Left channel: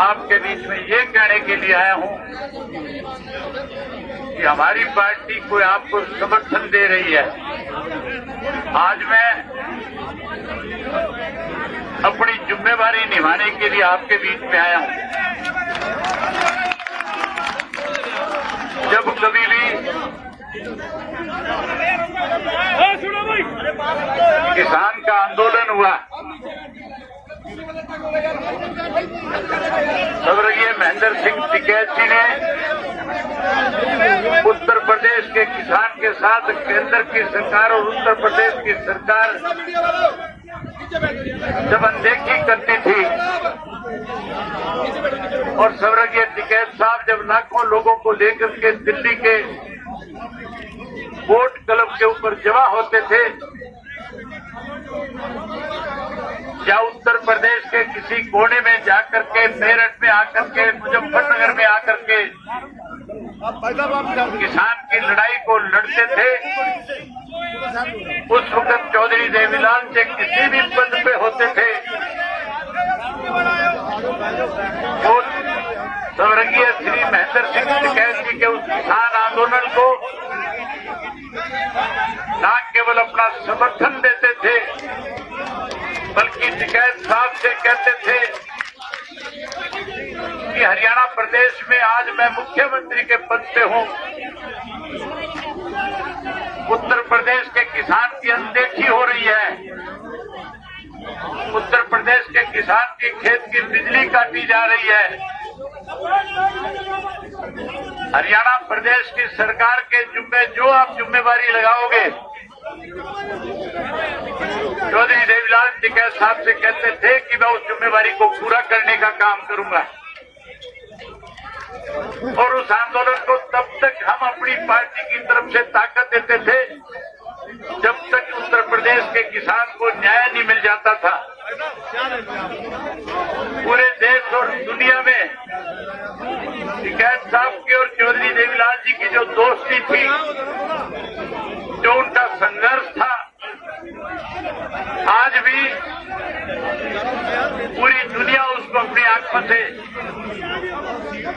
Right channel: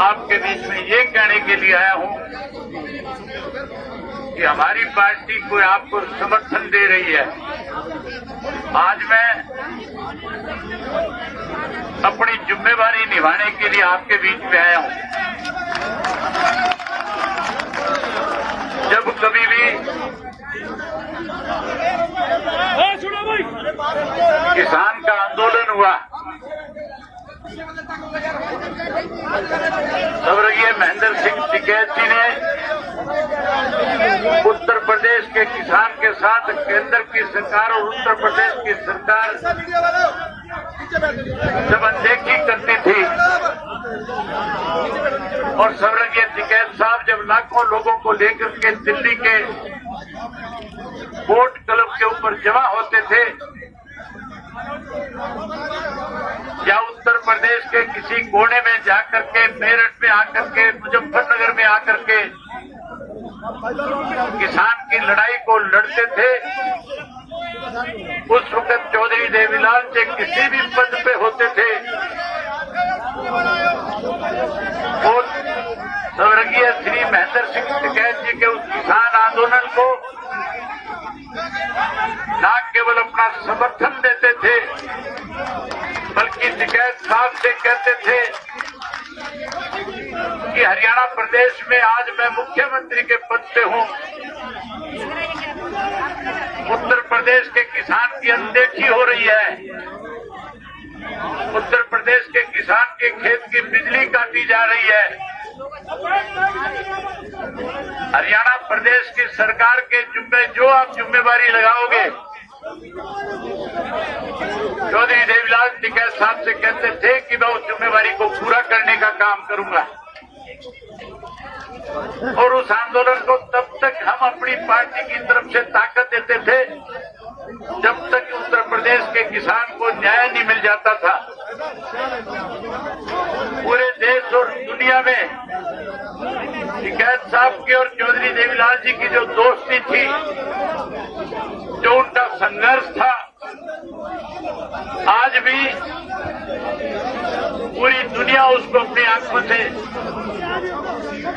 आपके बीच में ये कहने के लिए आया हूं कि हमारी पार्टी कोई आपको समर्थन दे रही है। आज मैं अपनी जिम्मेवारी निभाने के लिए आपके बीच में आया हूं। जब कभी भी किसान का आंदोलन हुआ, स्वर्गीय महेंद्र सिंह टिकैत जी ने उत्तर प्रदेश के किसान के साथ केंद्र की सरकार और उत्तर प्रदेश की सरकार जब अनदेखी करती थी और स्वर्गीय टिकैत साहब जब लाखों लोगों को लेकर के दिल्ली के वोट क्लब के ऊपर जमा होते थे या उत्तर प्रदेश के किसी कोने में जाकर के मेरठ में आकर के मुजफ्फरनगर में आकर के किसान की लड़ाई को लड़ते थे, उस वक्त चौधरी देवीलाल जी किसी भी पद पे होते थे तो स्वर्गीय श्री महेंद्र सिंह टिकैत जी के उस किसान आंदोलन को न केवल अपना समर्थन देते थे बल्कि टिकैत साहब से कहते थे कि हरियाणा प्रदेश में आज मैं मुख्यमंत्री के पद पे हूं, उत्तर प्रदेश के किसान की अनदेखी हो रही है, उत्तर प्रदेश के किसान के खेत की बिजली काटी जा रही है, हरियाणा प्रदेश की सरकार के जुम्मे जो आप जिम्मेवारी लगाओगे, चौधरी देवीलाल टिकैत साहब से कहते थे कि मैं उस जिम्मेवारी को पूरा करने का काम करूंगा। और उस आंदोलन को तब तक हम अपनी पार्टी की तरफ से ताकत देते थे जब तक उत्तर प्रदेश के किसान को न्याय नहीं मिल जाता था। पूरे देश और दुनिया में टिकैत साहब की और चौधरी देवीलाल जी की जो दोस्ती थी, जो उनका संघर्ष था, आज भी पूरी दुनिया उसको अपनी आंखों से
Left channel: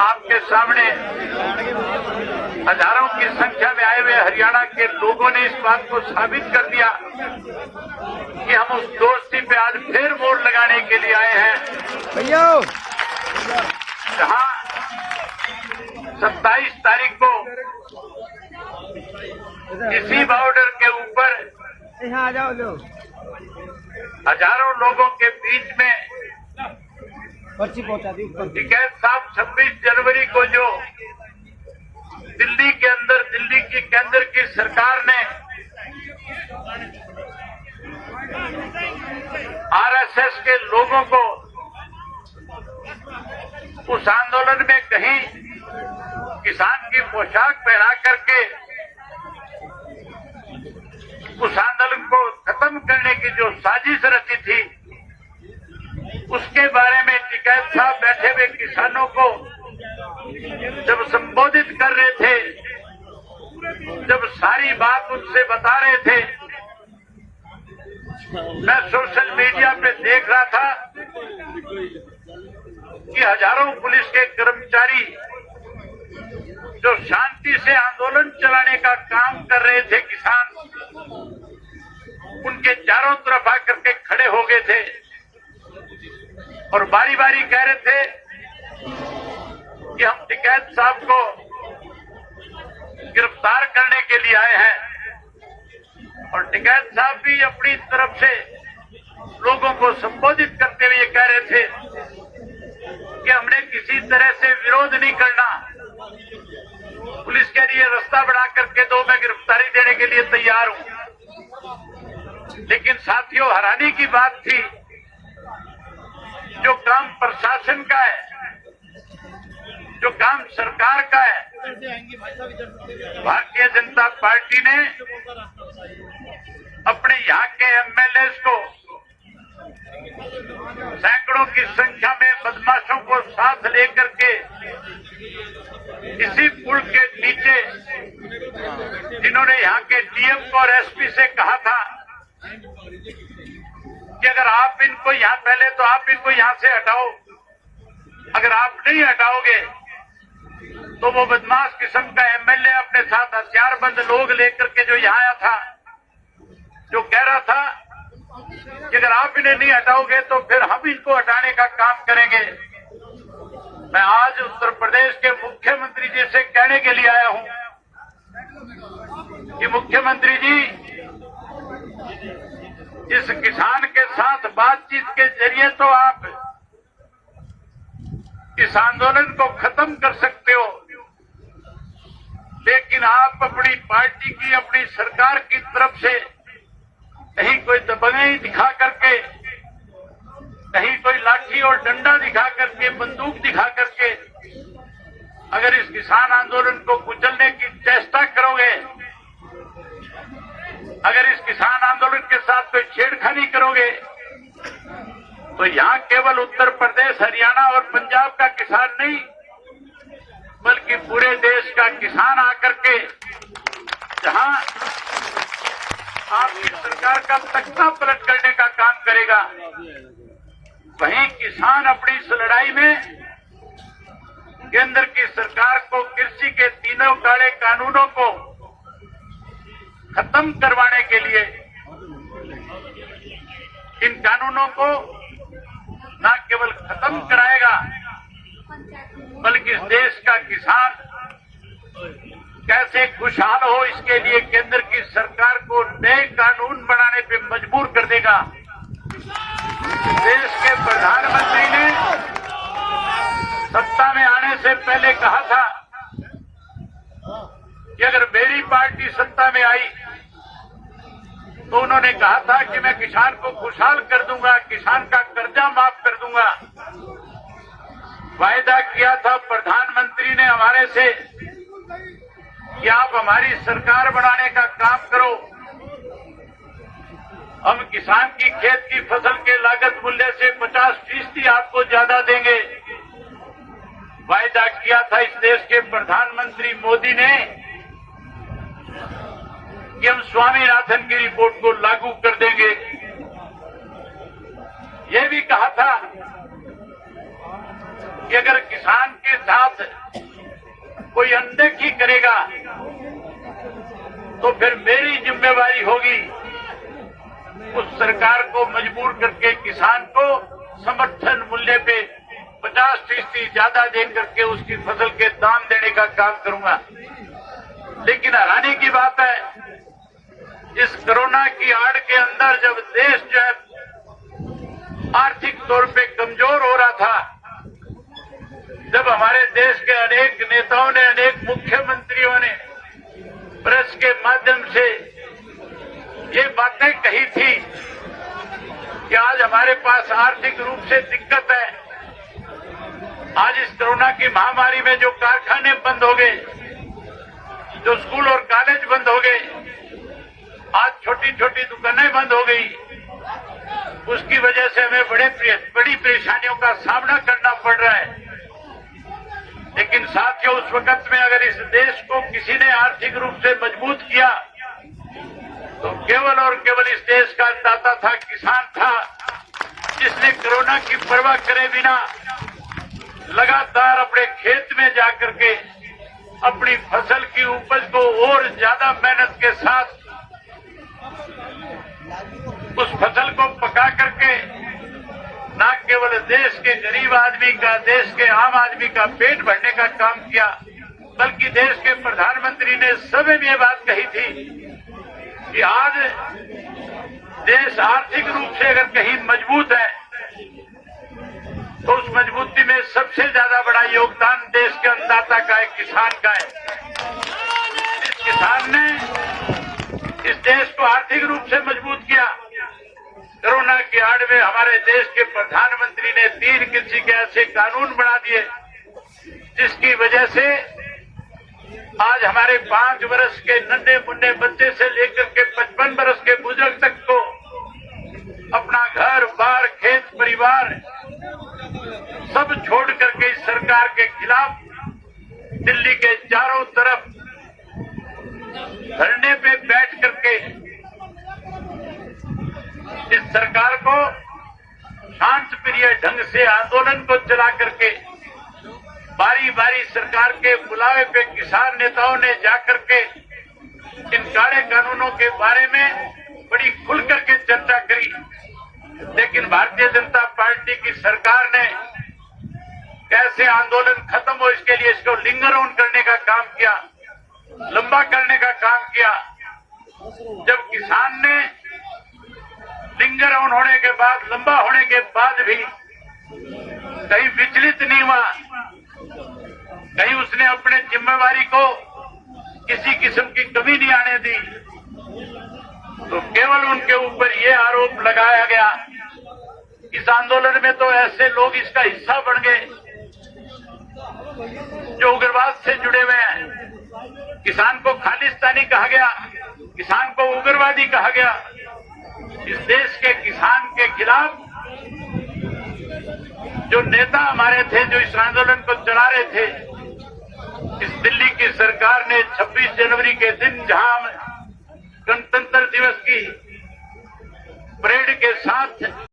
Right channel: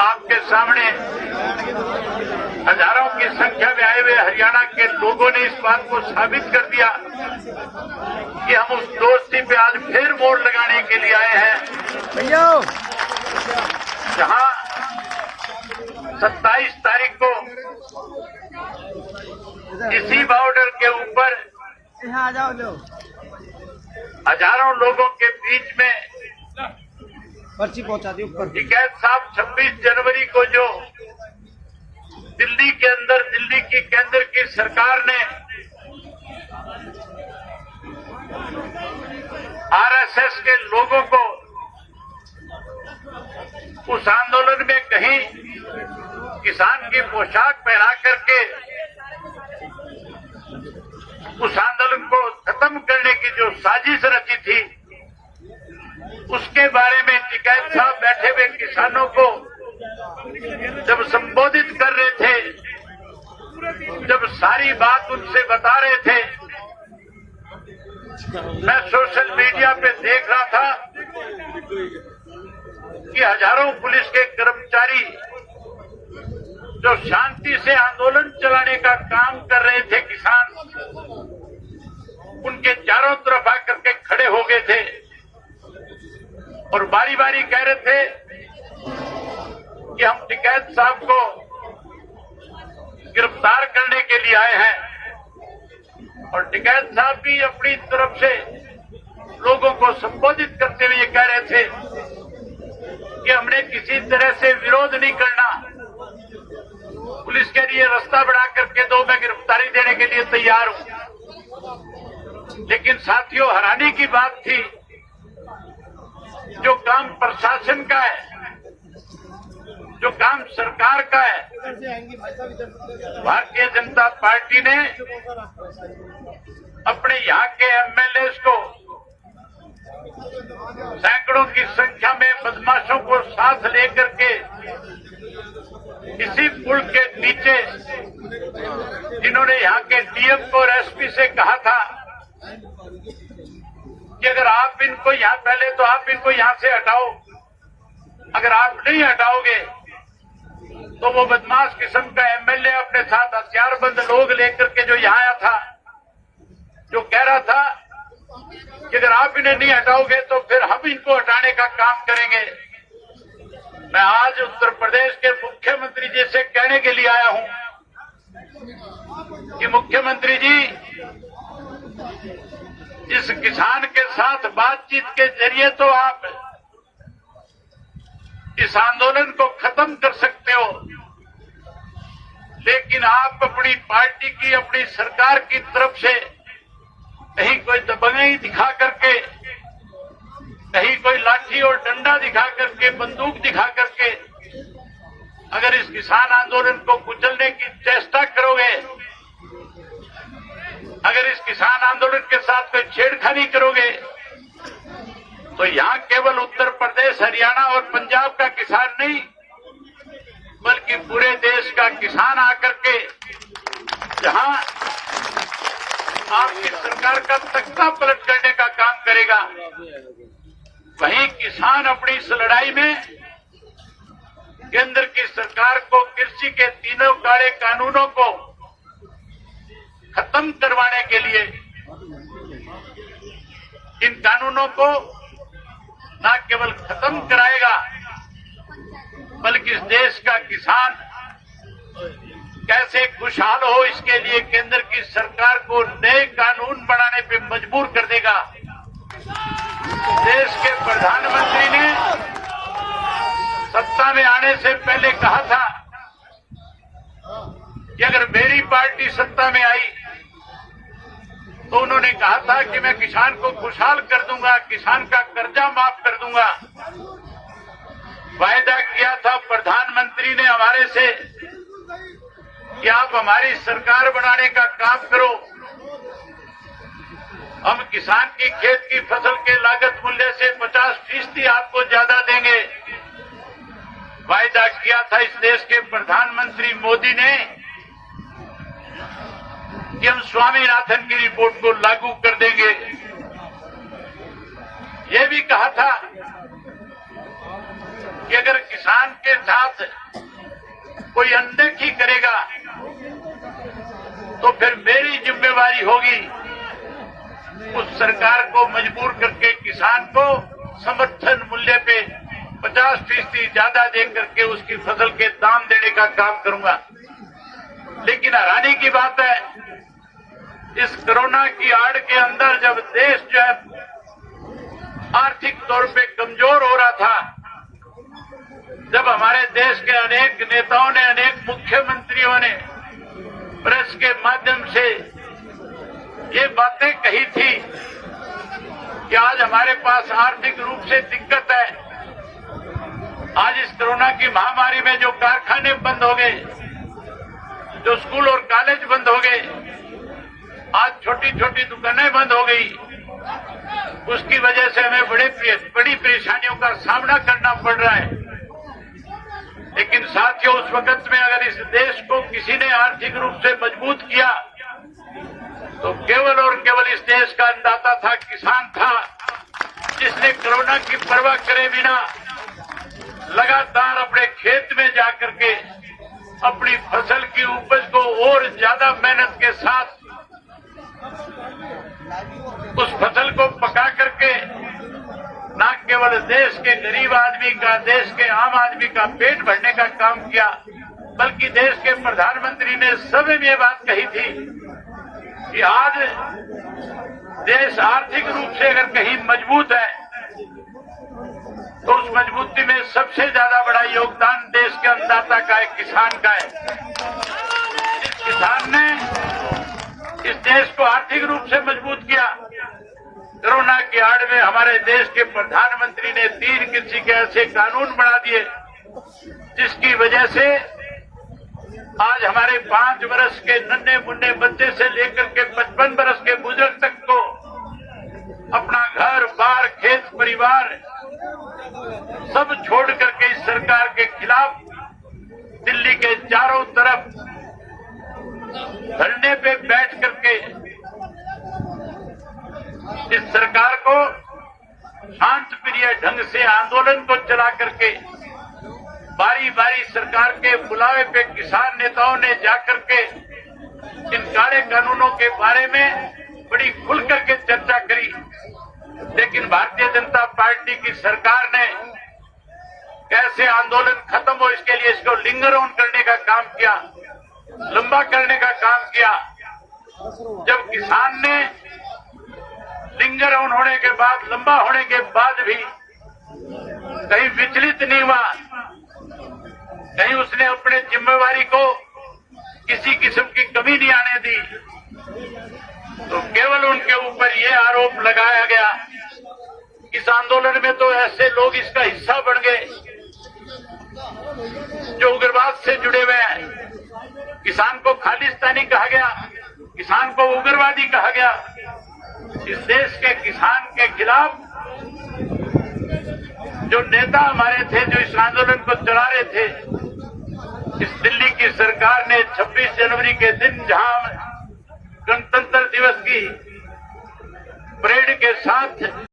आपके सामने हजारों की संख्या में आए हुए हरियाणा के लोगों ने इस बात को साबित कर दिया कि हम उस दोस्ती पे आज फिर मोड़ लगाने के लिए आए हैं। जहां 27 तारीख को इसी बॉर्डर के ऊपर हजारों लोगों के बीच में पर्ची पहुंचा दी ऊपर। टिकैत साहब 26 जनवरी को जो दिल्ली के अंदर दिल्ली की केंद्र की सरकार ने आरएसएस के लोगों को उस आंदोलन में कहीं किसान की पोशाक पहना करके उस आंदोलन को खत्म करने की जो साजिश रची थी, उसके बारे में टिकैत साहब बैठे हुए किसानों को जब संबोधित कर रहे थे, जब सारी बात उनसे बता रहे थे, मैं सोशल मीडिया पे देख रहा था कि हजारों पुलिस के कर्मचारी जो शांति से आंदोलन चलाने का काम कर रहे थे, किसान उनके चारों तरफ आकर के खड़े हो गए थे और बारी बारी कह रहे थे कि हम टिकैत साहब को गिरफ्तार करने के लिए आए हैं। और टिकैत साहब भी अपनी तरफ से लोगों को संबोधित करते हुए ये कह रहे थे कि हमने किसी तरह से विरोध नहीं करना, पुलिस के लिए रास्ता बना करके दो, मैं गिरफ्तारी देने के लिए तैयार हूं। लेकिन साथियों, हैरानी की बात थी, जो काम प्रशासन का है, जो काम सरकार का है, भारतीय जनता पार्टी ने अपने यहाँ के एमएलए को सैकड़ों की संख्या में बदमाशों को साथ लेकर के इसी पुल के नीचे जिन्होंने यहाँ के डीएम को और एसपी से कहा था कि अगर आप इनको यहाँ पहले तो आप इनको यहाँ से हटाओ, अगर आप नहीं हटाओगे तो वो बदमाश किस्म का एमएलए अपने साथ हथियारबंद लोग लेकर के जो यहाँ आया था, जो कह रहा था कि अगर आप इन्हें नहीं हटाओगे तो फिर हम इनको हटाने का काम करेंगे। मैं आज उत्तर प्रदेश के मुख्यमंत्री जी से कहने के लिए आया हूं कि मुख्यमंत्री जी, इस किसान के साथ बातचीत के जरिए तो आप इस आंदोलन को खत्म कर सकते हो, लेकिन आप अपनी पार्टी की, अपनी सरकार की तरफ से कहीं कोई दबंगई दिखा करके, कहीं कोई लाठी और डंडा दिखा करके, बंदूक दिखा करके अगर इस किसान आंदोलन को कुचलने की चेष्टा करोगे, अगर इस किसान आंदोलन के साथ कोई छेड़खानी करोगे, तो यहाँ केवल उत्तर प्रदेश, हरियाणा और पंजाब का किसान नहीं, बल्कि पूरे देश का किसान आकर के जहां आपकी सरकार का तख्ता पलट करने का काम करेगा, वहीं किसान अपनी इस लड़ाई में केंद्र की सरकार को कृषि के तीनों काले कानूनों को खत्म करवाने के लिए, इन कानूनों को न केवल खत्म कराएगा, बल्कि इस देश का किसान कैसे खुशहाल हो, इसके लिए केंद्र की सरकार को नए कानून बनाने पे मजबूर कर देगा। देश के प्रधानमंत्री ने सत्ता में आने से पहले कहा था कि अगर मेरी पार्टी सत्ता में आई तो उन्होंने कहा था कि मैं किसान को खुशहाल कर दूंगा, किसान का कर्जा माफ कर दूंगा। वायदा किया था प्रधानमंत्री ने हमारे से कि आप हमारी सरकार बनाने का काम करो, हम किसान की खेत की फसल के लागत मूल्य से 50% आपको ज्यादा देंगे। वायदा किया था इस देश के प्रधानमंत्री मोदी ने कि हम स्वामीनाथन की रिपोर्ट को लागू कर देंगे। ये भी कहा था कि अगर किसान के साथ कोई अनदेखी करेगा तो फिर मेरी जिम्मेवारी होगी उस सरकार को मजबूर करके किसान को समर्थन मूल्य पे 50% ज्यादा दे करके उसकी फसल के दाम देने का काम करूंगा। लेकिन हैरानी की बात है, इस कोरोना की आड़ के अंदर जब देश जो है आर्थिक तौर पे कमजोर हो रहा था, जब हमारे देश के अनेक नेताओं ने, अनेक मुख्यमंत्रियों ने प्रेस के माध्यम से ये बातें कही थी कि आज हमारे पास आर्थिक रूप से दिक्कत है, आज इस कोरोना की महामारी में जो कारखाने बंद हो गए, जो स्कूल और कॉलेज बंद हो गए, आज छोटी छोटी दुकानें बंद हो गई, उसकी वजह से हमें बड़ी परेशानियों का सामना करना पड़ रहा है। लेकिन साथियों, उस वक्त में अगर इस देश को किसी ने आर्थिक रूप से मजबूत किया तो केवल और केवल इस देश का अन्नदाता था, किसान था, जिसने कोरोना की परवाह करे बिना लगातार अपने खेत में जाकर के अपनी फसल की उपज को और ज्यादा मेहनत के साथ उस फसल को पका करके न केवल देश के गरीब आदमी का, देश के आम आदमी का पेट भरने का काम किया, बल्कि देश के प्रधानमंत्री ने सभी में ये बात कही थी कि आज देश आर्थिक रूप से अगर कहीं मजबूत है तो उस मजबूती में सबसे ज्यादा बड़ा योगदान देश के अन्नदाता का है, किसान का है। इस किसान ने इस देश को आर्थिक रूप से मजबूत किया। कोरोना की आड़ में हमारे देश के प्रधानमंत्री ने 3 कृषि के ऐसे कानून बना दिए जिसकी वजह से आज हमारे 5 वर्ष के नन्हे मुन्ने बच्चे से लेकर के 55 वर्ष के बुजुर्ग तक को अपना घर बार, खेत, परिवार सब छोड़ करके इस सरकार के खिलाफ दिल्ली के चारों तरफ धरने पे बैठ करके इस सरकार को शांत प्रिय ढंग से आंदोलन को चला करके बारी बारी सरकार के बुलावे पे किसान नेताओं ने जाकर के इन काले कानूनों के बारे में बड़ी खुल करके चर्चा करी, लेकिन भारतीय जनता पार्टी की सरकार ने कैसे आंदोलन खत्म हो इसके लिए इसको लिंगर ऑन करने का काम किया, लंबा करने का काम किया। जब किसान ने लिंगर ऑन होने के बाद, लंबा होने के बाद भी कहीं विचलित नहीं हुआ, कहीं उसने अपने जिम्मेवारी को किसी किस्म की कमी नहीं आने दी, तो केवल उनके ऊपर ये आरोप लगाया गया इस आंदोलन में तो ऐसे लोग इसका हिस्सा बन गए जो उग्रवाद से जुड़े हुए हैं। किसान को खालिस्तानी कहा गया, किसान को उग्रवादी कहा गया। इस देश के किसान के खिलाफ जो नेता हमारे थे, जो इस आंदोलन को चला रहे थे, इस दिल्ली की सरकार ने 26 जनवरी के दिन जहां गणतंत्र दिवस की परेड के साथ